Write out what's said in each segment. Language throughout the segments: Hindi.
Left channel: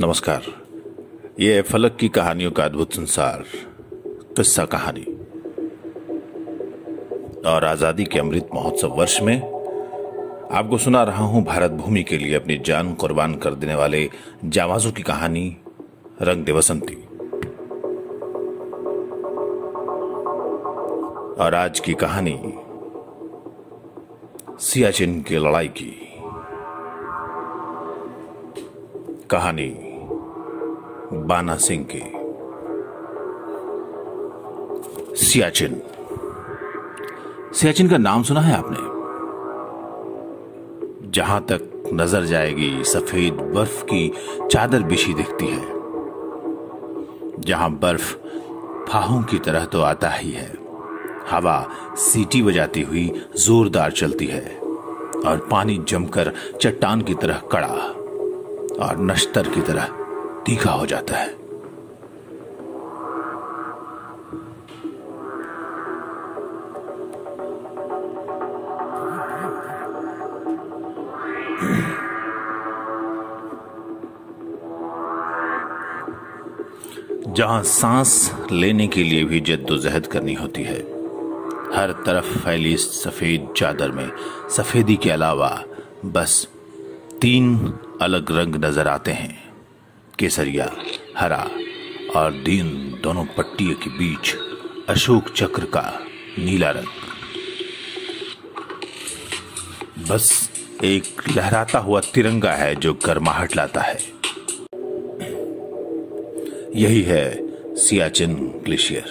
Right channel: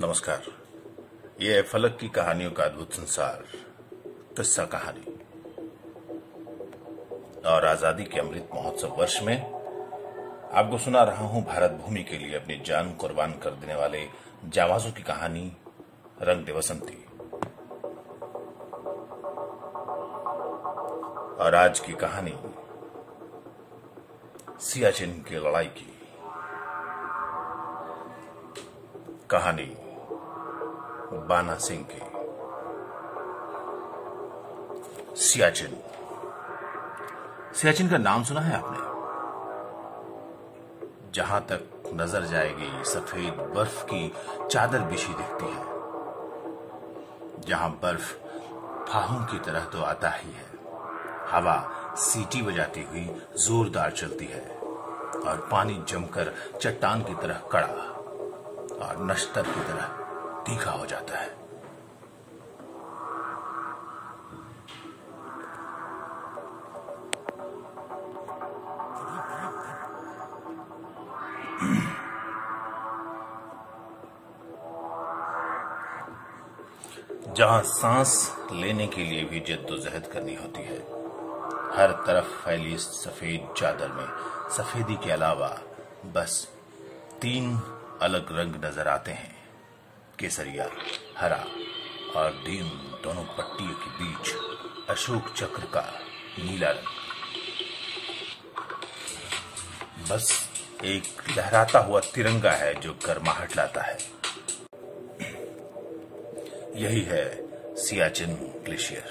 नमस्कार। ये है फलक की कहानियों का अद्भुत संसार, किस्सा कहानी। और आजादी के अमृत महोत्सव वर्ष में आपको सुना रहा हूं भारत भूमि के लिए अपनी जान कुर्बान कर देने वाले जाबाजों की कहानी, रंग दे बसंती। और आज की कहानी सियाचिन की लड़ाई की कहानी, बाना सिंह की। सियाचिन का नाम सुना है आपने? जहां तक नजर जाएगी सफेद बर्फ की चादर बिछी दिखती है, जहां बर्फ फाहों की तरह तो आता ही है, हवा सीटी बजाती हुई जोरदार चलती है और पानी जमकर चट्टान की तरह कड़ा और नश्तर की तरह तीखा हो जाता है। जहां सांस लेने के लिए भी जद्दोजहद करनी होती है, हर तरफ फैली सफेद चादर में सफेदी के अलावा बस 3 अलग रंग नजर आते हैं, केसरिया, हरा और दीन दोनों पट्टियों के बीच अशोक चक्र का नीला रंग। बस एक लहराता हुआ तिरंगा है जो गर्माहट लाता है। यही है सियाचिन ग्लेशियर।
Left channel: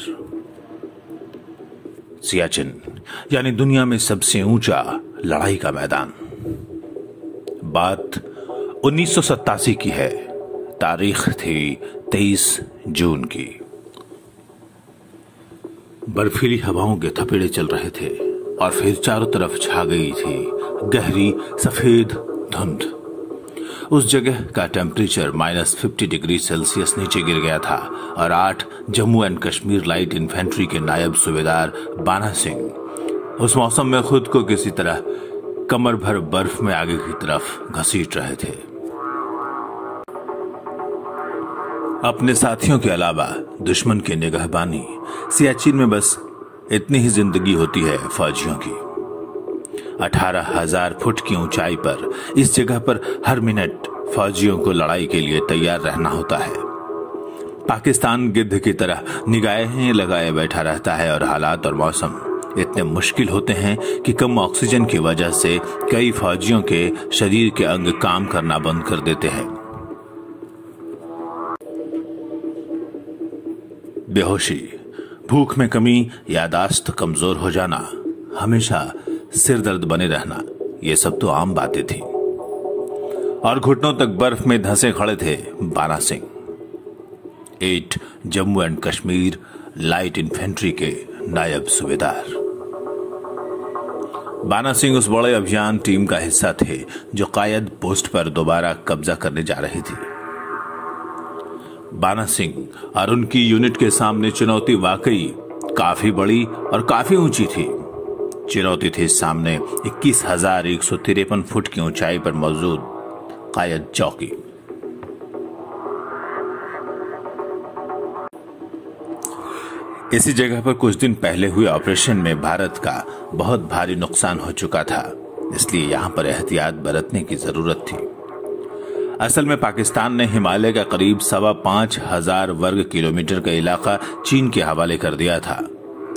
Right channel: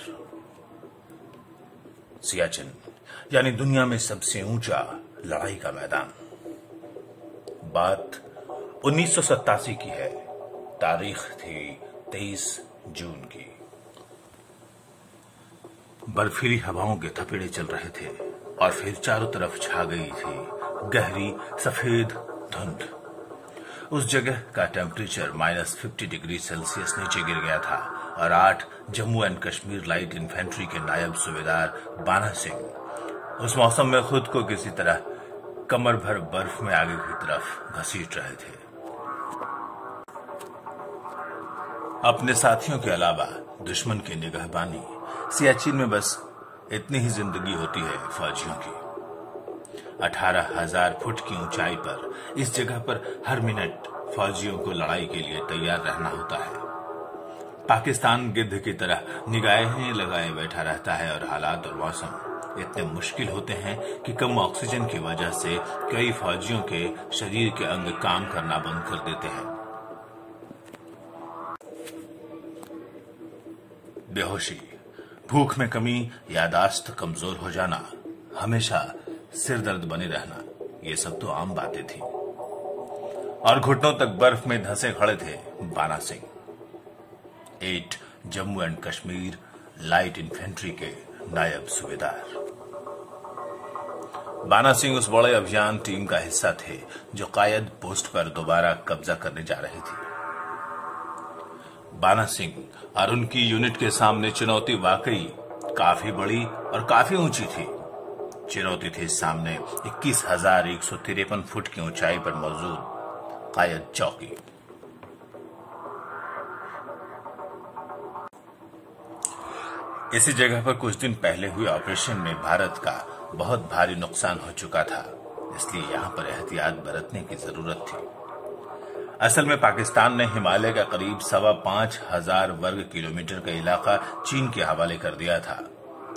सियाचिन यानी दुनिया में सबसे ऊंचा लड़ाई का मैदान। बात 1987 की है। तारीख थी 23 जून की। बर्फीली हवाओं के थपेड़े चल रहे थे और फिर चारों तरफ छा गई थी गहरी सफेद धुंध। उस जगह का टेम्परेचर -50 डिग्री सेल्सियस नीचे गिर गया था और 8 Jammu and Kashmir light infantry के नायब सूबेदार बाना सिंह उस मौसम में खुद को किसी तरह कमर भर बर्फ में आगे की तरफ घसीट रहे थे। अपने साथियों के अलावा दुश्मन की निगहबानी। सियाचिन में बस इतनी ही जिंदगी होती है फौजियों की। 18,000 फुट की ऊंचाई पर इस जगह पर हर मिनट फौजियों को लड़ाई के लिए तैयार रहना होता है। पाकिस्तान गिद्ध की तरह निगाहें लगाए बैठा रहता है और हालात और मौसम इतने मुश्किल होते हैं कि कम ऑक्सीजन की वजह से कई फौजियों के शरीर के अंग काम करना बंद कर देते हैं। बेहोशी, भूख में कमी, यादाश्त कमजोर हो जाना, हमेशा सिर दर्द बने रहना, ये सब तो आम बातें थी। और घुटनों तक बर्फ में धंसे खड़े थे बाना Singh, 8 Jammu and Kashmir light infantry के नायब सूबेदार। बाना सिंह उस बड़े अभियान टीम का हिस्सा थे जो कायद पोस्ट पर दोबारा कब्जा करने जा रही थी। बाना सिंह और उनकी यूनिट के सामने चुनौती वाकई काफी बड़ी और काफी ऊंची थी। चुनौती थी सामने 21,153 फुट की ऊंचाई पर मौजूद कायद चौकी। इसी जगह पर कुछ दिन पहले हुए ऑपरेशन में भारत का बहुत भारी नुकसान हो चुका था, इसलिए यहां पर एहतियात बरतने की जरूरत थी। असल में पाकिस्तान ने हिमालय का करीब 5,500 वर्ग किलोमीटर का इलाका चीन के हवाले कर दिया था।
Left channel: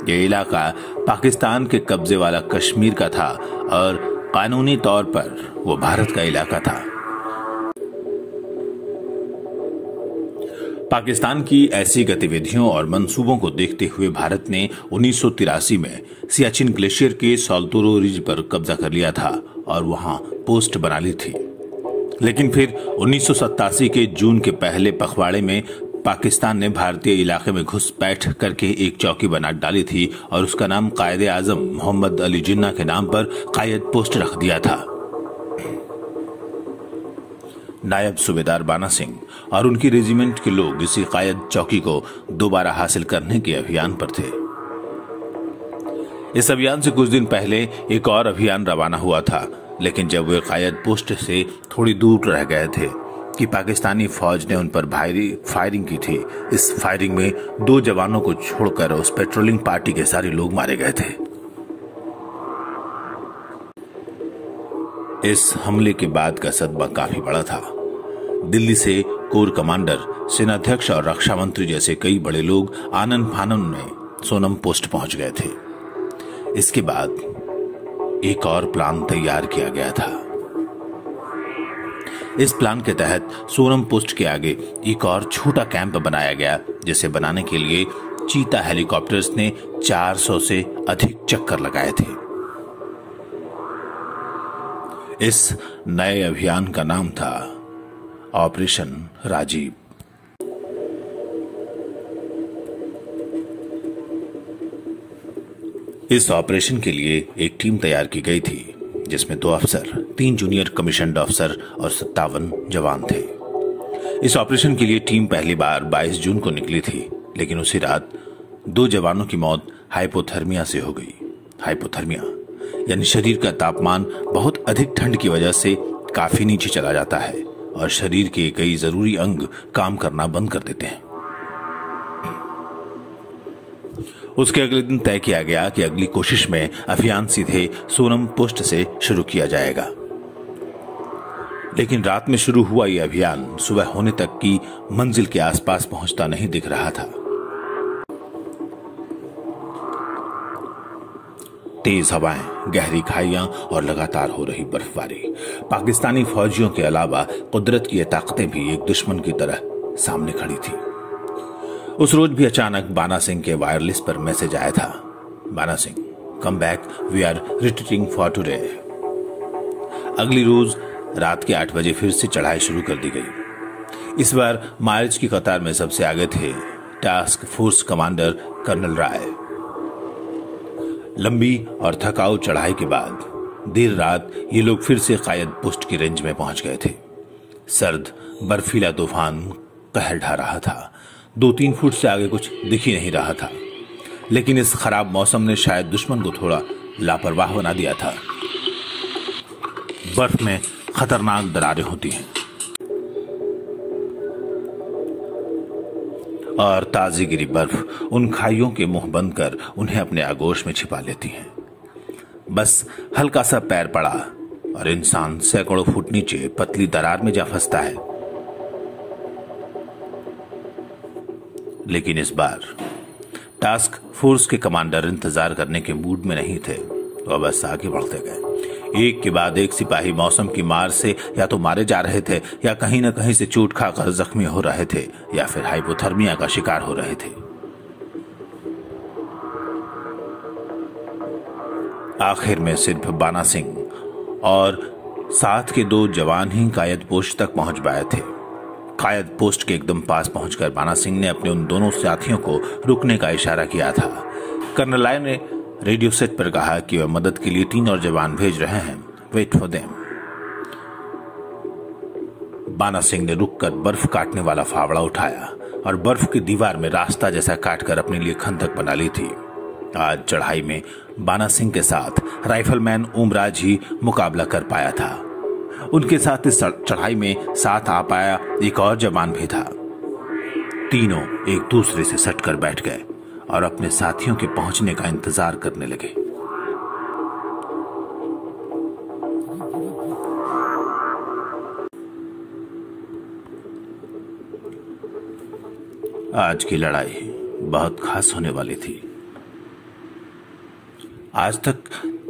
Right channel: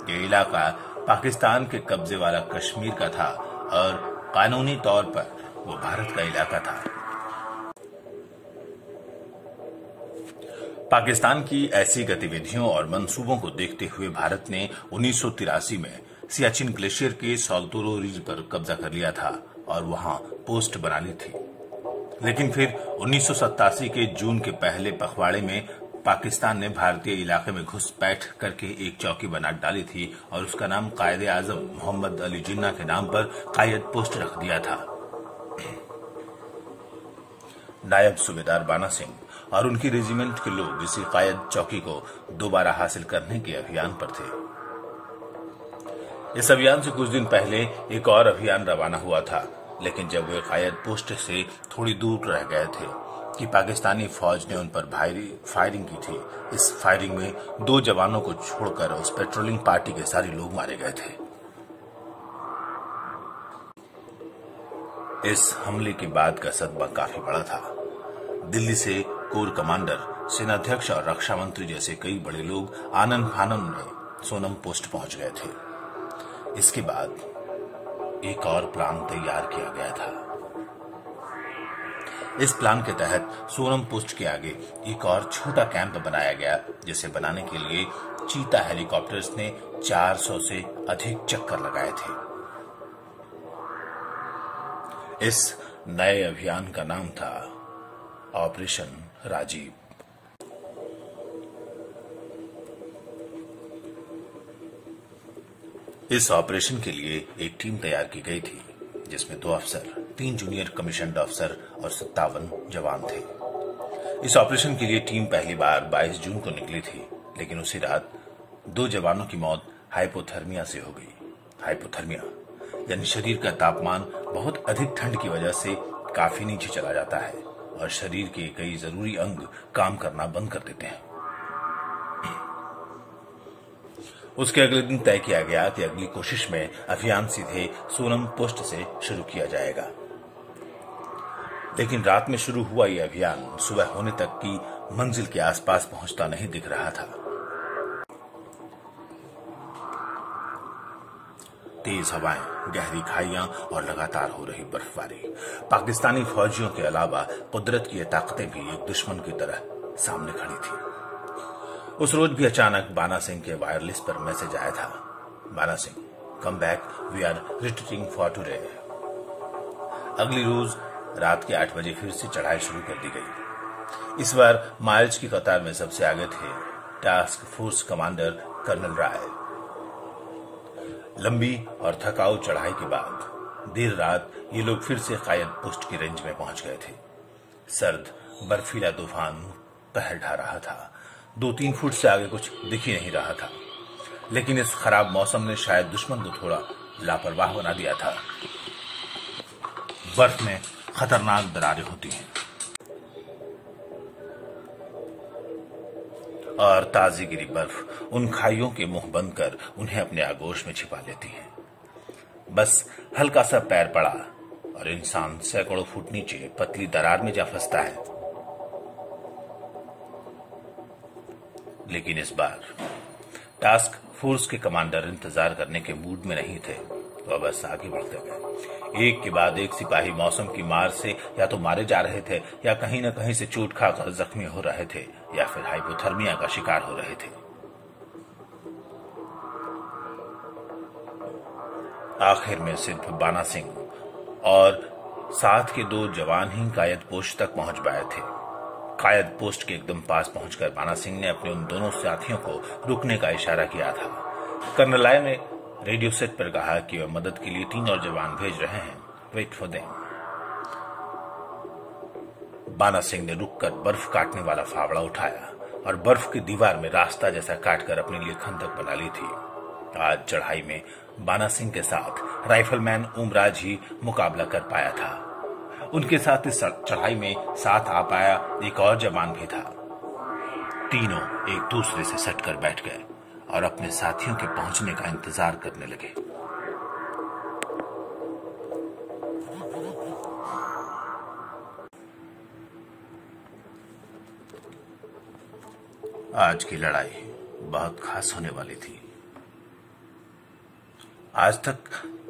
यह इलाका पाकिस्तान के कब्जे वाला कश्मीर का था और कानूनी तौर पर वो भारत का इलाका था। पाकिस्तान की ऐसी गतिविधियों और मंसूबों को देखते हुए भारत ने 1983 में सियाचिन ग्लेशियर के साल्तोरो रिज पर कब्जा कर लिया था और वहां पोस्ट बना ली थी। लेकिन फिर 1987 के जून के पहले पखवाड़े में पाकिस्तान ने भारतीय इलाके में घुसपैठ करके एक चौकी बना डाली थी और उसका नाम कायदे आजम मोहम्मद अली जिन्ना के नाम पर कायद पोस्ट रख दिया था। नायब सूबेदार बाना सिंह और उनकी रेजिमेंट के लोग इसी कायद चौकी को दोबारा हासिल करने के अभियान पर थे। इस अभियान से कुछ दिन पहले एक और अभियान रवाना हुआ था लेकिन जब वे कायद पोस्ट से थोड़ी दूर रह गए थे कि पाकिस्तानी फौज ने उन पर भारी फायरिंग की थी। इस फायरिंग में 2 जवानों को छोड़कर उस पेट्रोलिंग पार्टी के सारे लोग मारे गए थे। इस हमले के बाद का सदमा काफी बड़ा था। दिल्ली से कोर कमांडर, सेनाध्यक्ष और रक्षा मंत्री जैसे कई बड़े लोग आनन फानन में सोनम पोस्ट पहुंच गए थे। इसके बाद एक और प्लान तैयार किया गया था। इस प्लान के तहत सोनम पोस्ट के आगे एक और छोटा कैंप बनाया गया, जिसे बनाने के लिए चीता हेलीकॉप्टर्स ने 400 से अधिक चक्कर लगाए थे। इस नए अभियान का नाम था ऑपरेशन राजीव। इस ऑपरेशन के लिए एक टीम तैयार की गई थी, जिसमें 2 अफसर, 3 जूनियर कमीशन्ड अफसर और 57 जवान थे। इस ऑपरेशन के लिए टीम पहली बार 22 जून को निकली थी, लेकिन उसी रात 2 जवानों की मौत हाइपोथर्मिया से हो गई। हाइपोथर्मिया यानी शरीर का तापमान बहुत अधिक ठंड की वजह से काफी नीचे चला जाता है और शरीर के कई जरूरी अंग काम करना बंद कर देते हैं। उसके अगले दिन तय किया गया कि अगली कोशिश में अभियान सीधे सोनम पोस्ट से शुरू किया जाएगा। लेकिन रात में शुरू हुआ यह अभियान सुबह होने तक की मंजिल के आसपास पहुंचता नहीं दिख रहा था। तेज हवाएं, गहरी खाइयां और लगातार हो रही बर्फबारी, पाकिस्तानी फौजियों के अलावा कुदरत की ये ताकतें भी एक दुश्मन की तरह सामने खड़ी थी। उस रोज भी अचानक बाना सिंह के वायरलेस पर मैसेज आया था, Bana Singh, come back, we are retreating for today. अगली रोज रात के 8 बजे फिर से चढ़ाई शुरू कर दी गई। इस बार मार्च की कतार में सबसे आगे थे टास्क फोर्स कमांडर कर्नल राय। लंबी और थकाऊ चढ़ाई के बाद देर रात ये लोग फिर से कायद पोस्ट की रेंज में पहुंच गए थे। सर्द बर्फीला तूफान कहर ढा रहा था। 2-3 फुट से आगे कुछ दिख ही नहीं रहा था, लेकिन इस खराब मौसम ने शायद दुश्मन को थोड़ा लापरवाह बना दिया था। बर्फ में खतरनाक दरारें होती हैं और ताजी गिरी बर्फ उन खाइयों के मुंह बंद कर उन्हें अपने आगोश में छिपा लेती है। बस हल्का सा पैर पड़ा और इंसान सैकड़ों फुट नीचे पतली दरार में जा फंसता है। लेकिन इस बार टास्क फोर्स के कमांडर इंतजार करने के मूड में नहीं थे। वह बस आगे बढ़ते गए। एक के बाद एक सिपाही मौसम की मार से या तो मारे जा रहे थे या कहीं न कहीं से चोट खाकर जख्मी हो रहे थे या फिर हाइपोथर्मिया का शिकार हो रहे थे। आखिर में सिर्फ बाना सिंह और साथ के 2 जवान ही कायद पोस्ट तक पहुंच पाए थे। कायद पोस्ट के एकदम पास पहुंचकर बाना सिंह ने अपने उन दोनों साथियों को रुकने का इशारा किया था। कर्नल राय ने रेडियो सेट पर कहा कि वह मदद के लिए 3 और जवान भेज रहे हैं, वेट फॉर देम। बाना सिंह ने रुककर बर्फ काटने वाला फावड़ा उठाया और बर्फ की दीवार में रास्ता जैसा काटकर अपने लिए खंदक बना ली थी। आज चढ़ाई में बाना सिंह के साथ राइफलमैन ओमराज ही मुकाबला कर पाया था। उनके साथ इस चढ़ाई में साथ आ पाया एक और जवान भी था। तीनों एक दूसरे से सटकर बैठ गए और अपने साथियों के पहुंचने का इंतजार करने लगे। आज की लड़ाई बहुत खास होने वाली थी। आज तक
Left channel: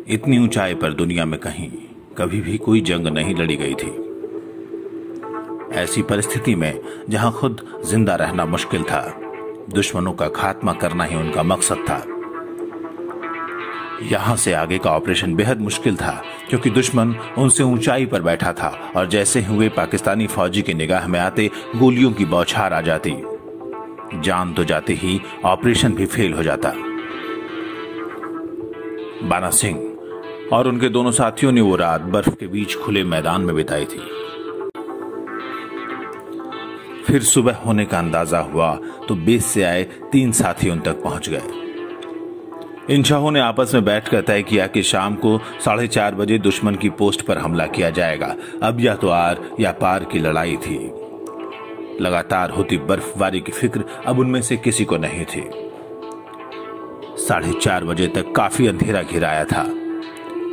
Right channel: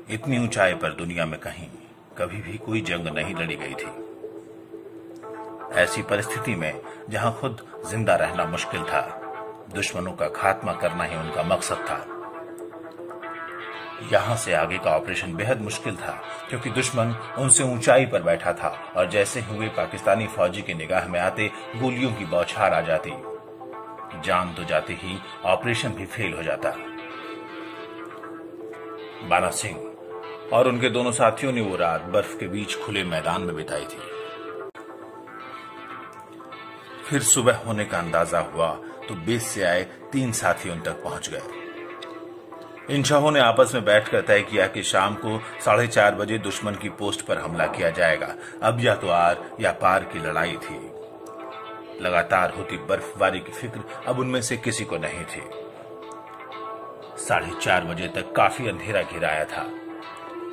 इतनी ऊंचाई पर दुनिया में कहीं कभी भी कोई जंग नहीं लड़ी गई थी। ऐसी परिस्थिति में जहां खुद जिंदा रहना मुश्किल था, दुश्मनों का खात्मा करना ही उनका मकसद था। यहां से आगे का ऑपरेशन बेहद मुश्किल था, क्योंकि दुश्मन उनसे ऊंचाई पर बैठा था और जैसे हुए पाकिस्तानी फौजी की निगाह में आते गोलियों की बौछार आ जाती। जान तो जाते ही ऑपरेशन भी फेल हो जाता। बाना सिंह और उनके दोनों साथियों ने वो रात बर्फ के बीच खुले मैदान में बिताई थी। फिर सुबह होने का अंदाजा हुआ तो बेस से आए 3 साथी उन तक पहुंच गए। इन शाहों ने आपस में बैठकर तय किया कि शाम को 4:30 बजे दुश्मन की पोस्ट पर हमला किया जाएगा। अब या तो आर या पार की लड़ाई थी। लगातार होती बर्फबारी की फिक्र अब उनमें से किसी को नहीं थी। 4:30 बजे तक काफी अंधेरा घिराया था।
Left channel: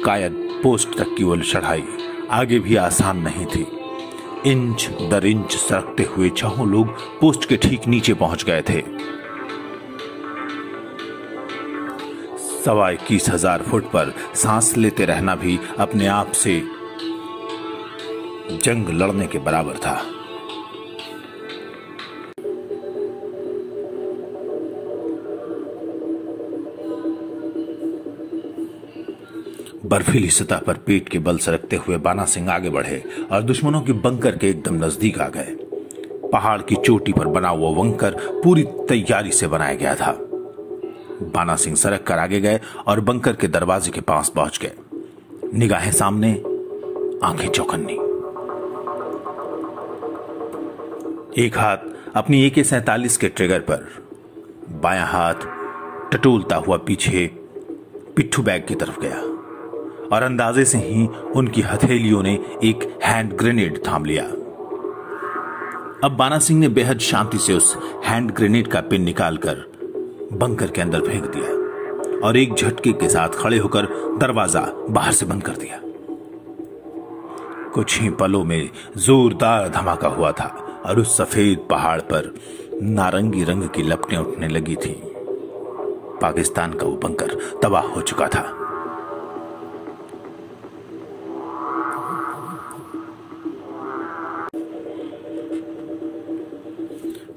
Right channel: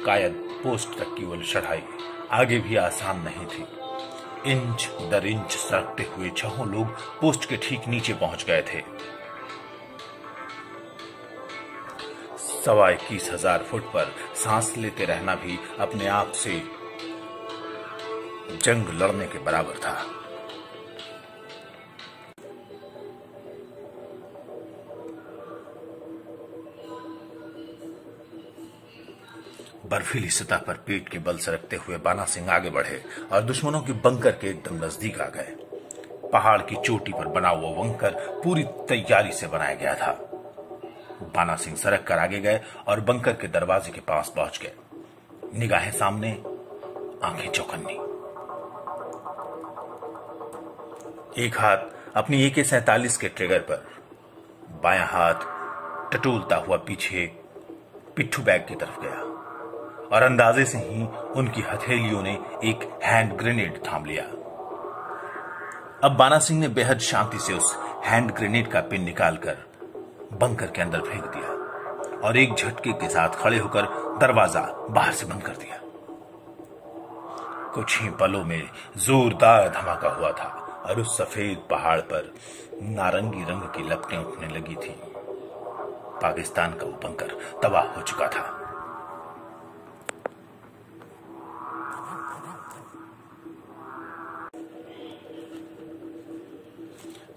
कायद पोस्ट तक की वो चढ़ाई आगे भी आसान नहीं थी। इंच दर इंच सरकते हुए छहों लोग पोस्ट के ठीक नीचे पहुंच गए थे। 21,000 फुट पर सांस लेते रहना भी अपने आप से जंग लड़ने के बराबर था। बर्फीली सतह पर पेट के बल सरकते हुए बाना सिंह आगे बढ़े और दुश्मनों के बंकर के एकदम नजदीक आ गए। पहाड़ की चोटी पर बना हुआ बंकर पूरी तैयारी से बनाया गया था। बाना सिंह सरक कर आगे गए और बंकर के दरवाजे के पास पहुंच गए। निगाहें सामने, आंखें चौकन्नी। एक हाथ अपनी AK-47 के ट्रिगर पर, बायां हाथ टटोलता हुआ पीछे पिट्ठू बैग की तरफ गया और अंदाजे से ही उनकी हथेलियों ने एक हैंड ग्रेनेड थाम लिया। अब बाना सिंह ने बेहद शांति से उस हैंड ग्रेनेड का पिन निकालकर बंकर के अंदर फेंक दिया और एक झटके के साथ खड़े होकर दरवाजा बाहर से बंद कर दिया। कुछ ही पलों में जोरदार धमाका हुआ था और उस सफेद पहाड़ पर नारंगी रंग की लपटें उठने लगी थी। पाकिस्तान का वो बंकर तबाह हो चुका था।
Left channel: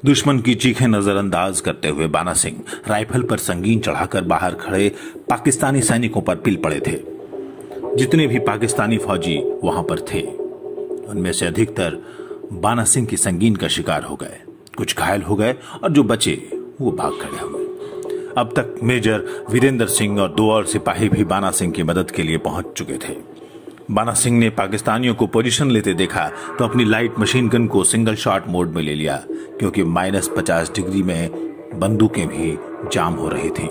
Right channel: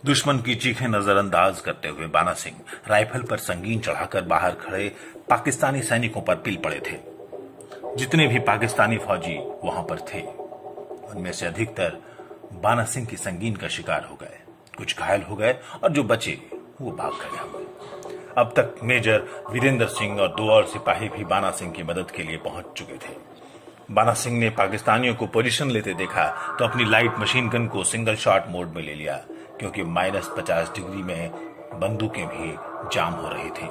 दुश्मन की चीखें नजरअंदाज करते हुए बाना सिंह राइफल पर संगीन चढ़ाकर बाहर खड़े पाकिस्तानी सैनिकों पर पिल पड़े थे। जितने भी पाकिस्तानी फौजी वहां पर थे उनमें से अधिकतर बाना सिंह की संगीन का शिकार हो गए। कुछ घायल हो गए और जो बचे वो भाग खड़े हुए। अब तक मेजर वीरेंद्र सिंह और 2 और सिपाही भी बाना सिंह की मदद के लिए पहुंच चुके थे। बाना सिंह ने पाकिस्तानियों को पोजीशन लेते देखा तो अपनी लाइट मशीन गन को सिंगल शॉट मोड में ले लिया, क्योंकि -50 डिग्री में बंदूकें भी जाम हो रही थीं।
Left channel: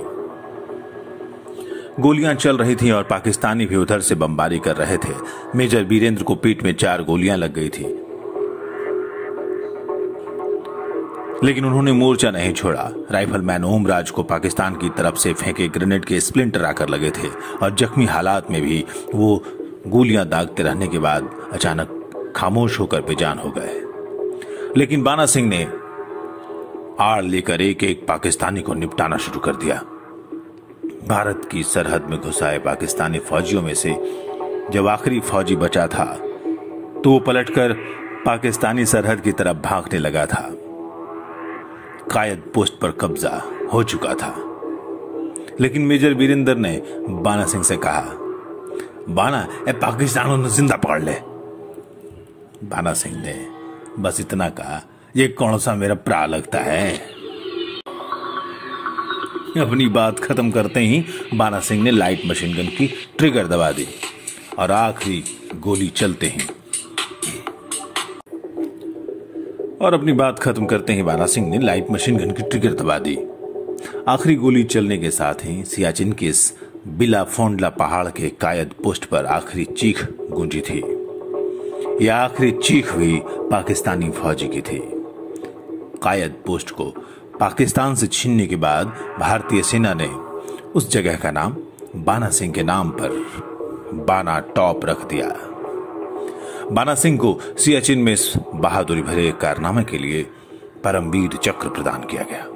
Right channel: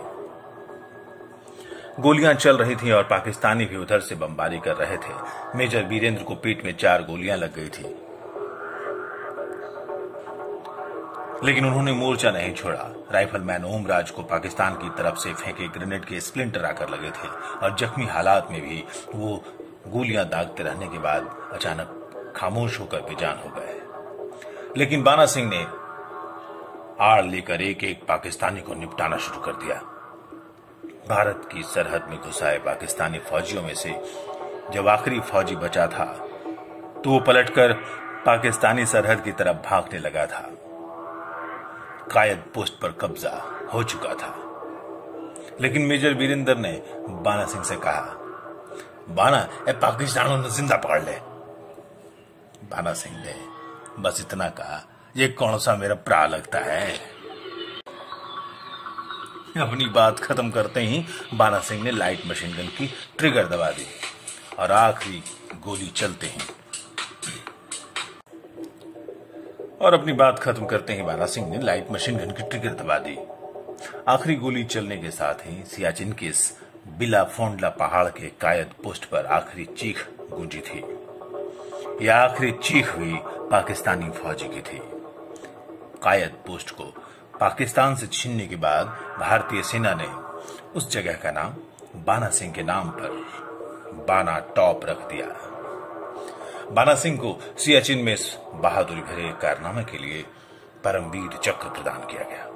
गोलियां चल रही थीं और पाकिस्तानी भी उधर से बमबारी कर रहे थे। मेजर वीरेंद्र को पीठ में 4 गोलियां लग गई थी, लेकिन उन्होंने मोर्चा नहीं छोड़ा। राइफलमैन ओमराज को पाकिस्तान की तरफ से फेंके ग्रेनेड के स्प्लिंटर आकर लगे थे और जख्मी हालात में भी वो गोलियां दागते रहने के बाद अचानक खामोश होकर बेजान हो गए। लेकिन बाना सिंह ने आड़ लेकर एक एक पाकिस्तानी को निपटाना शुरू कर दिया। भारत की सरहद में घुसाए पाकिस्तानी फौजियों में से जब आखिरी फौजी बचा था तो वो पलटकर पाकिस्तानी सरहद की तरफ भागने लगा था। कायद पोस्ट पर कब्जा हो चुका था, लेकिन मेजर वीरेंद्र ने बाना सिंह से कहा, बाना पाकिस्तानों ने जिंदा पकड़ ले। बाना सिंह ने बस इतना कहा, ये कौन सा मेरा प्रा लगता है। अपनी बात खत्म करते ही बाना सिंह ने लाइट मशीन गन की ट्रिगर दबा दी और आखिरी गोली चलते ही बाना सिंह ने लाइट मशीन गन की ट्रिगर दबा दी। आखिरी गोली चलने के साथ ही सियाचिन के इस बिला फोंडला पहाड़ के कायद पोस्ट पर आखिरी चीख गूंजी थी। यह आखिरी चीख भी पाकिस्तानी फौजी की थी। कायद पोस्ट को पाकिस्तान से छीनने के बाद भारतीय सेना ने उस जगह का नाम बाना सिंह के नाम पर बाना टॉप रख दिया। बाना सिंह को सियाचिन में इस बहादुरी भरे कारनामे के लिए परमवीर चक्र प्रदान किया गया।